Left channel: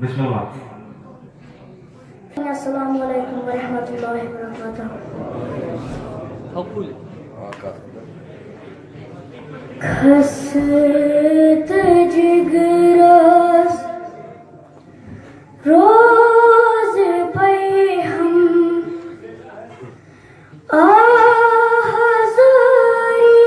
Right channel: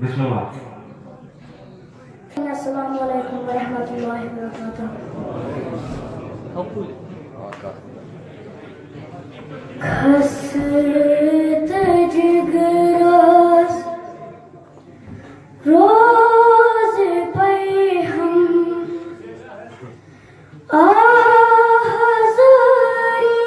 बिस्मिल्लाह। अस्सलामु अलैकुम वरहमतुल्लाहि वबरकातुहू। खस्त जिगरास रोज पे हम आज़ारी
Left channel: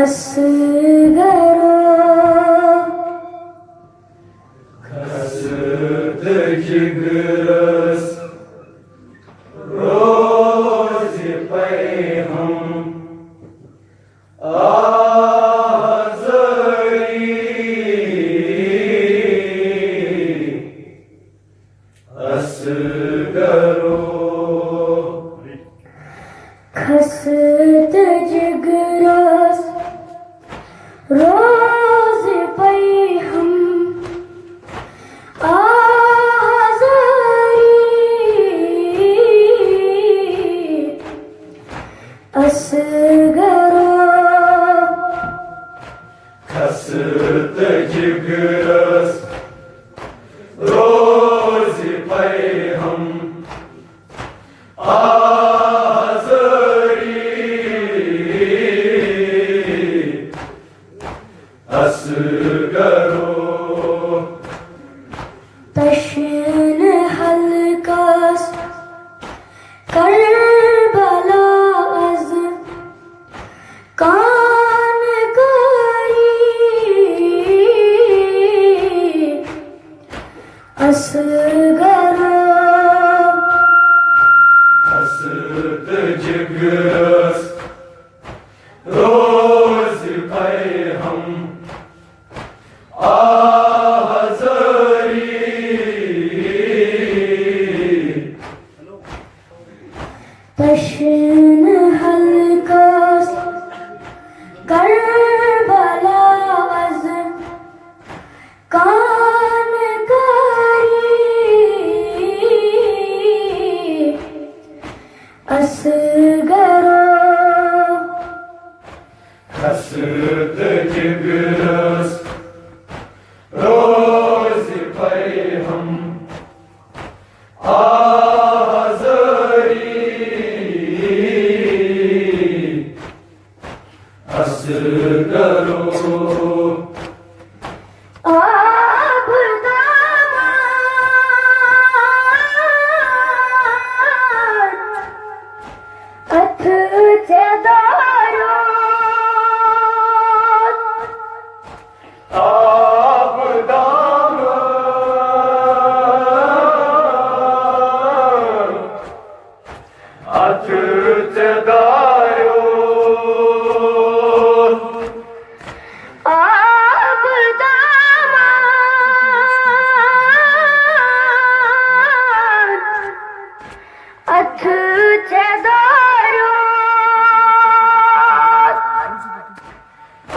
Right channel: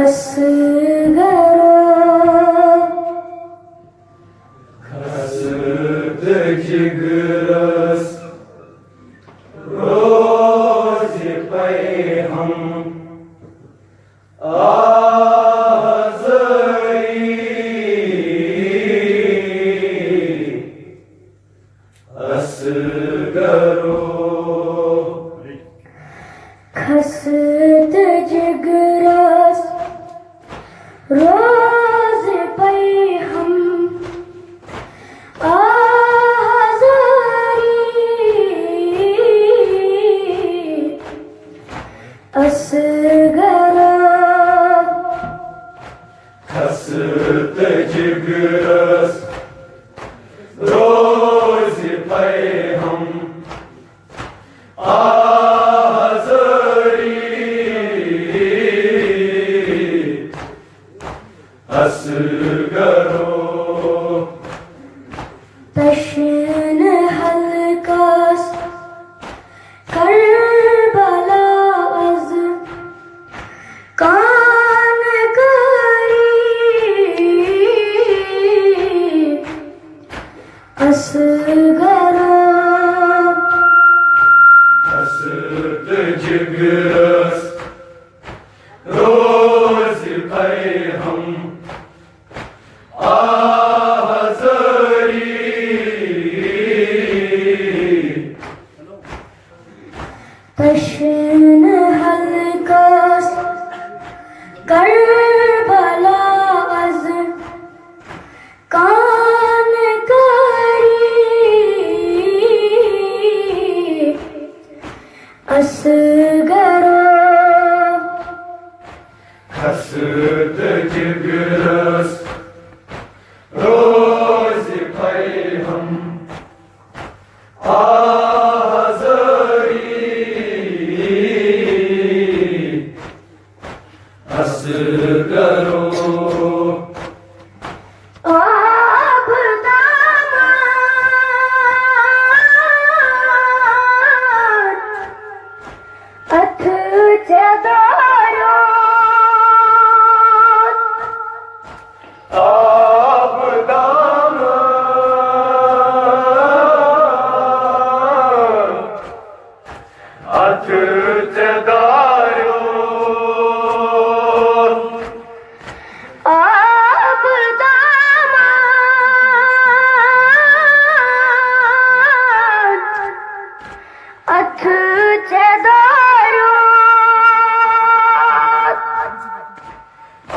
असगरो खस्त जिगरास रोज पे हम असगरो खस्त जिगरास रोज पे हम आज़ारी असगरो खस्त जिगरास रोज पे हम असगरो तशन हल्कास करबला अज कान करी असगरो खस्त जिगरास रोज पे हम तशन हल्कास करबला अज कान करी असगरो खस्त जिगरास रोज पे हम असगरो आप दामाद अथ चदारो आप दामाद अथ चदारो आप दामाद अथ चदारो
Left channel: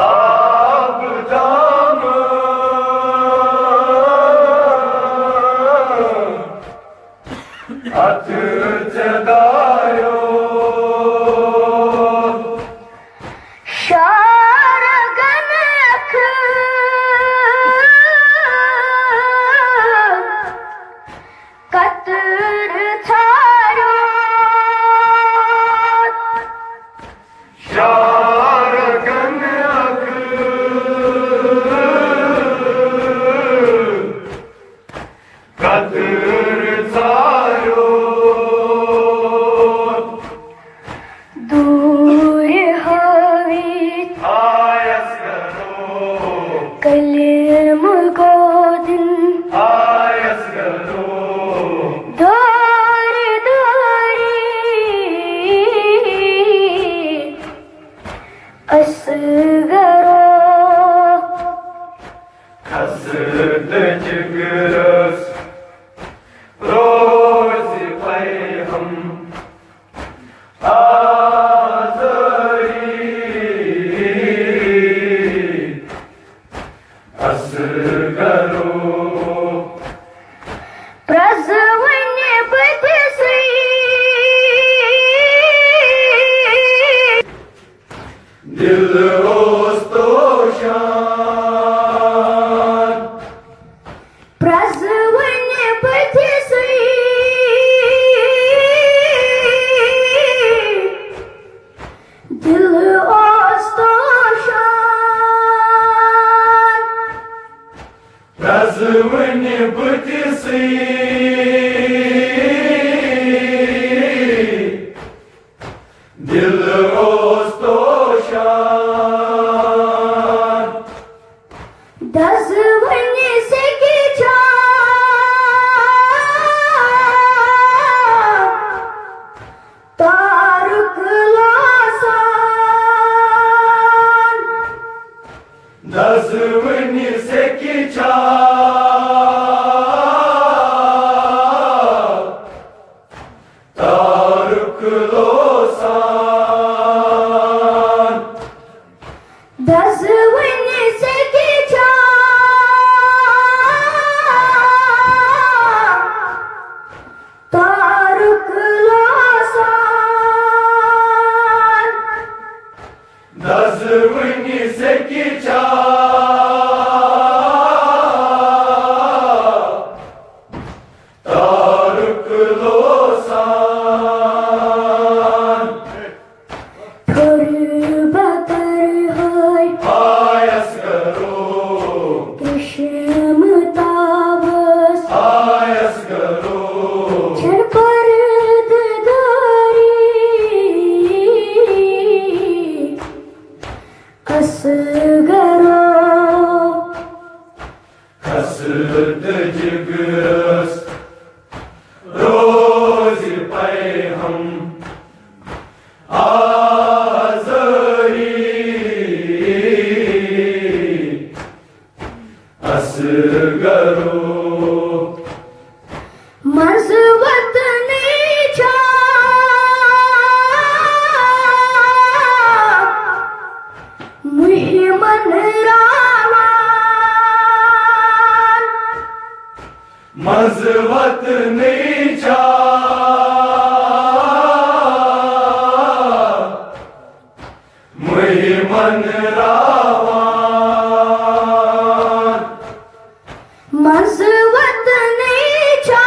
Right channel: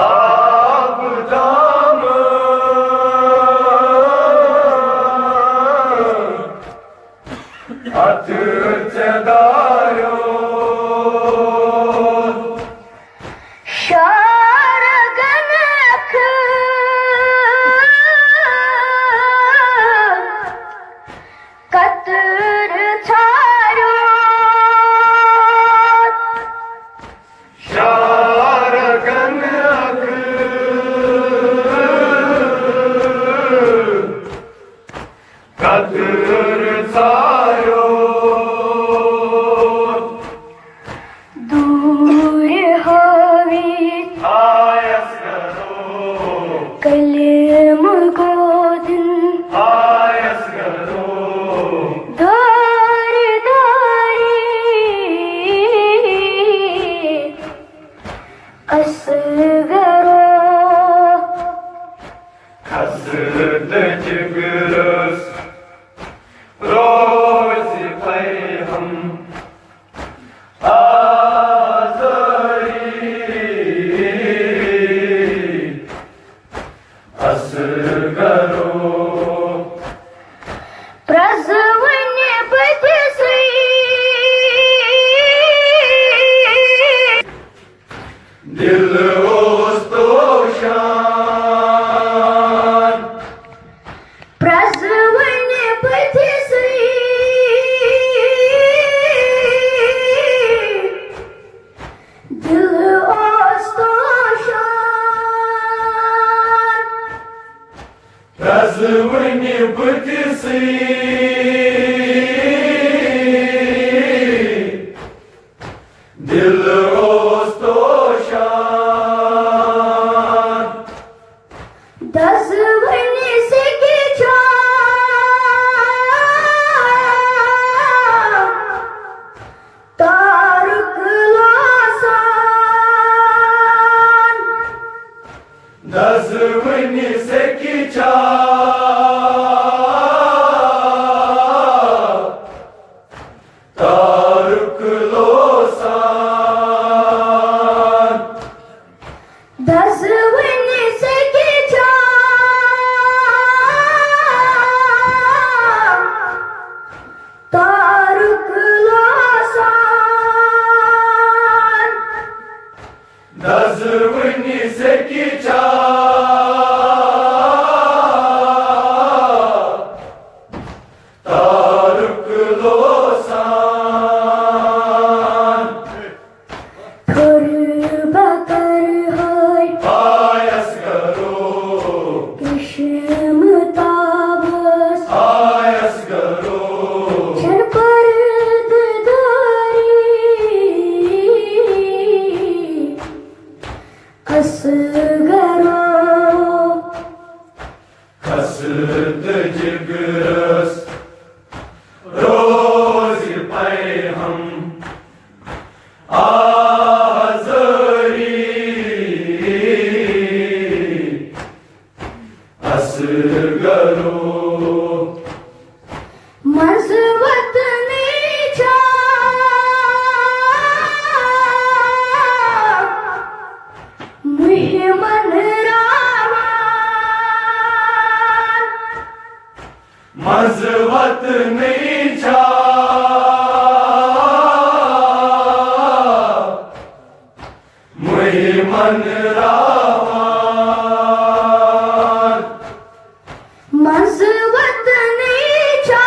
आप दामाद अथ चदारो शारगन अख कतर थारो शारगन अख कतर सारो दूर हवी आयसगरो कलम गोदिन आयसगरो दार दारी असगरो खस्त जिगरास रोज पे हम आज़ारी Azvani butsi Dil ostoshan दसवनी से की तारुक लासान Azvani sekicha Taruk losan दसवनी से की तारुक लासान Azvani sekicha Taruk losan थोर बकर है Ayas garo Krishna तावस Ayas garo छर परददारी असगरो Kasıd cigras Rozi payham Azari Asgaro मजबत नीचा मुहिमन रावान Mazvat necha Muhman ravan मजबत नीचा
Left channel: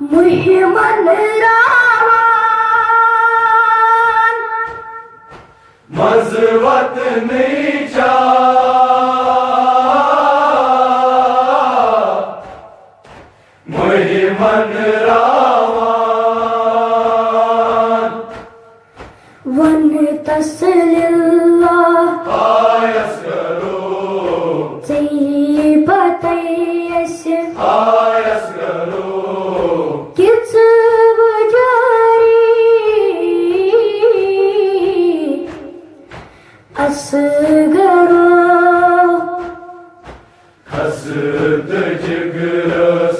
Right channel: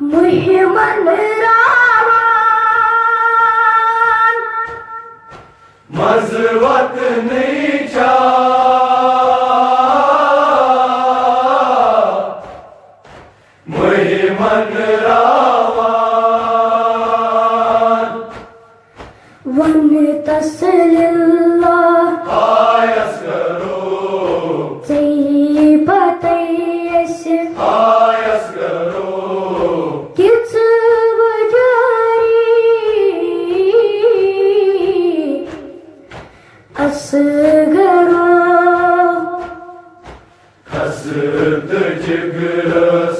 मुहिमन रावान Mazvat necha Muhman ravan वन तसलिल्लाह Ayas garo Тейбатайс Ayas garo Кицваджари Асгаро Kasıd cigras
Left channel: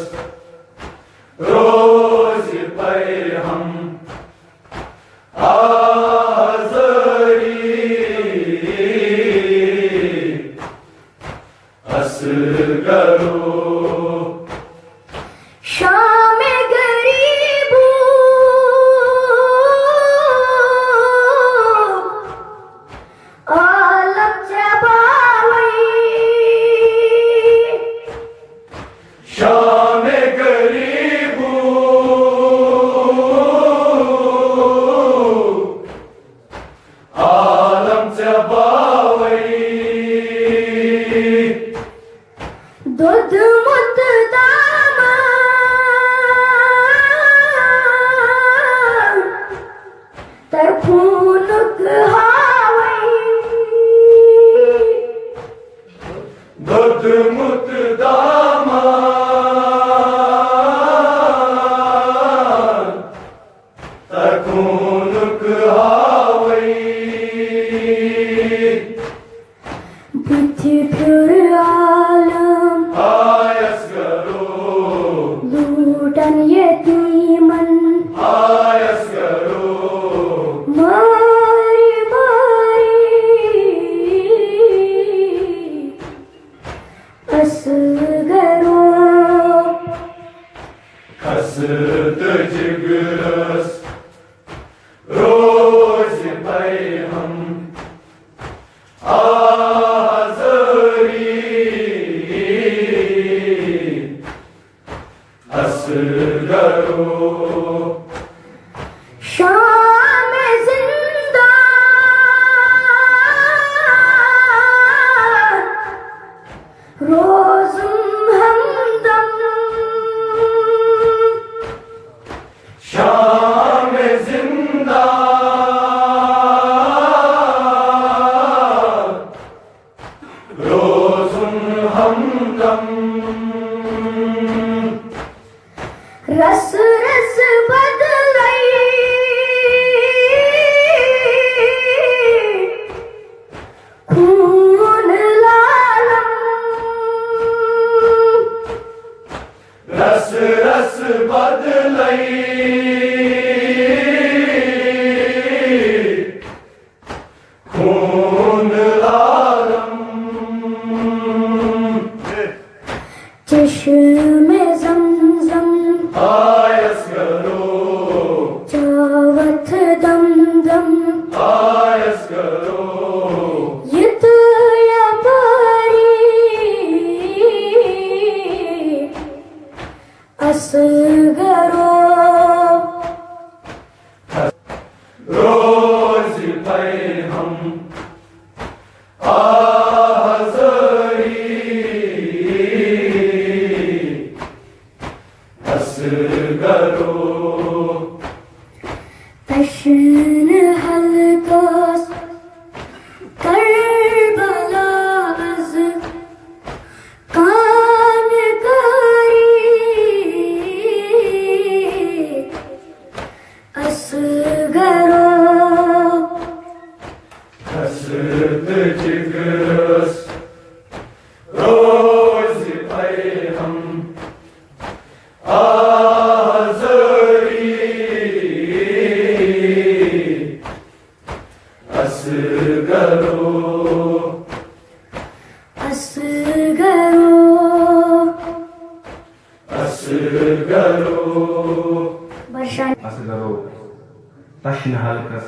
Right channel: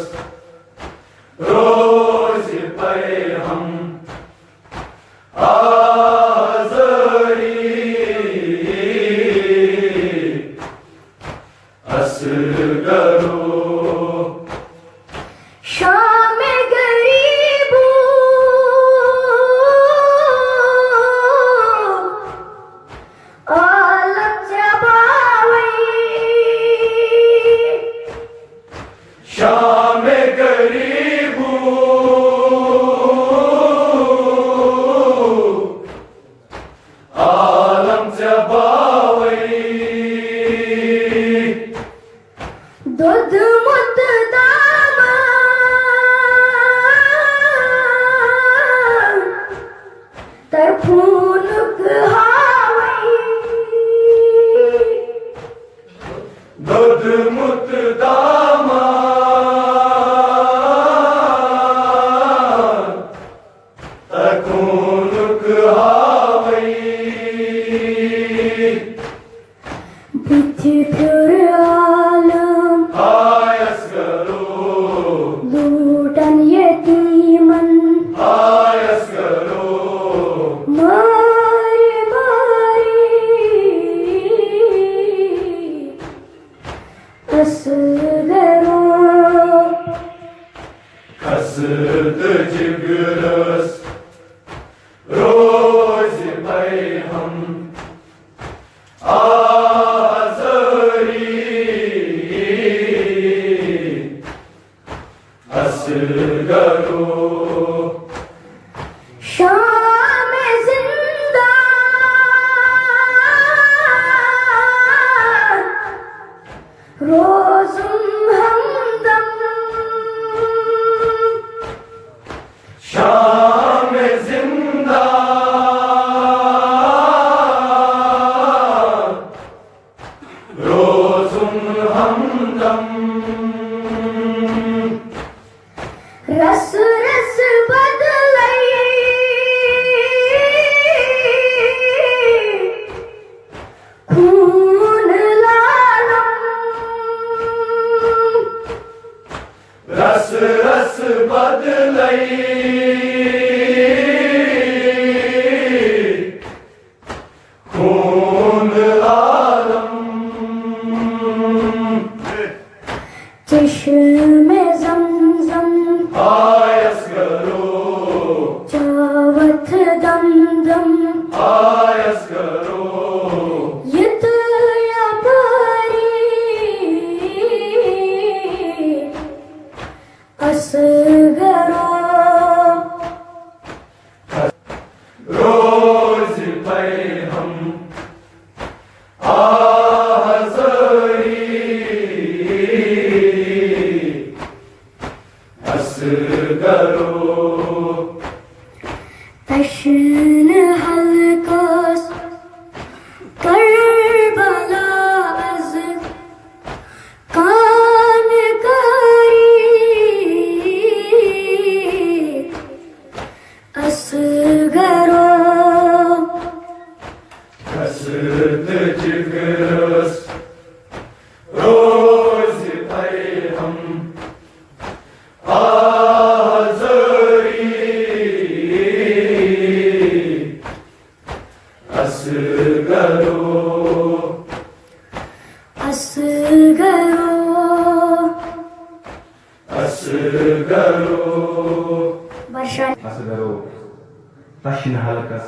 Rozi payham Azari Asgaro शाम गरीबू आलम जबावी Şam garibu Alam tabawi दूध मुत दामा तरफूनुक हावी Dod mutdaman Takunuk hawi बुद्धि फिर आलम Ayas garo Lutan यतीमन Ayas garo मारी मारी असगरो Kasıd cigras Rozi payham Azari Asgaro शाम जिंदा من हलकास करबला az कान करी असगरो हसरत जिगरस रोज पे हम आज़री असगरो असगरो असगरो वर्षा असगरो तश्न हलकस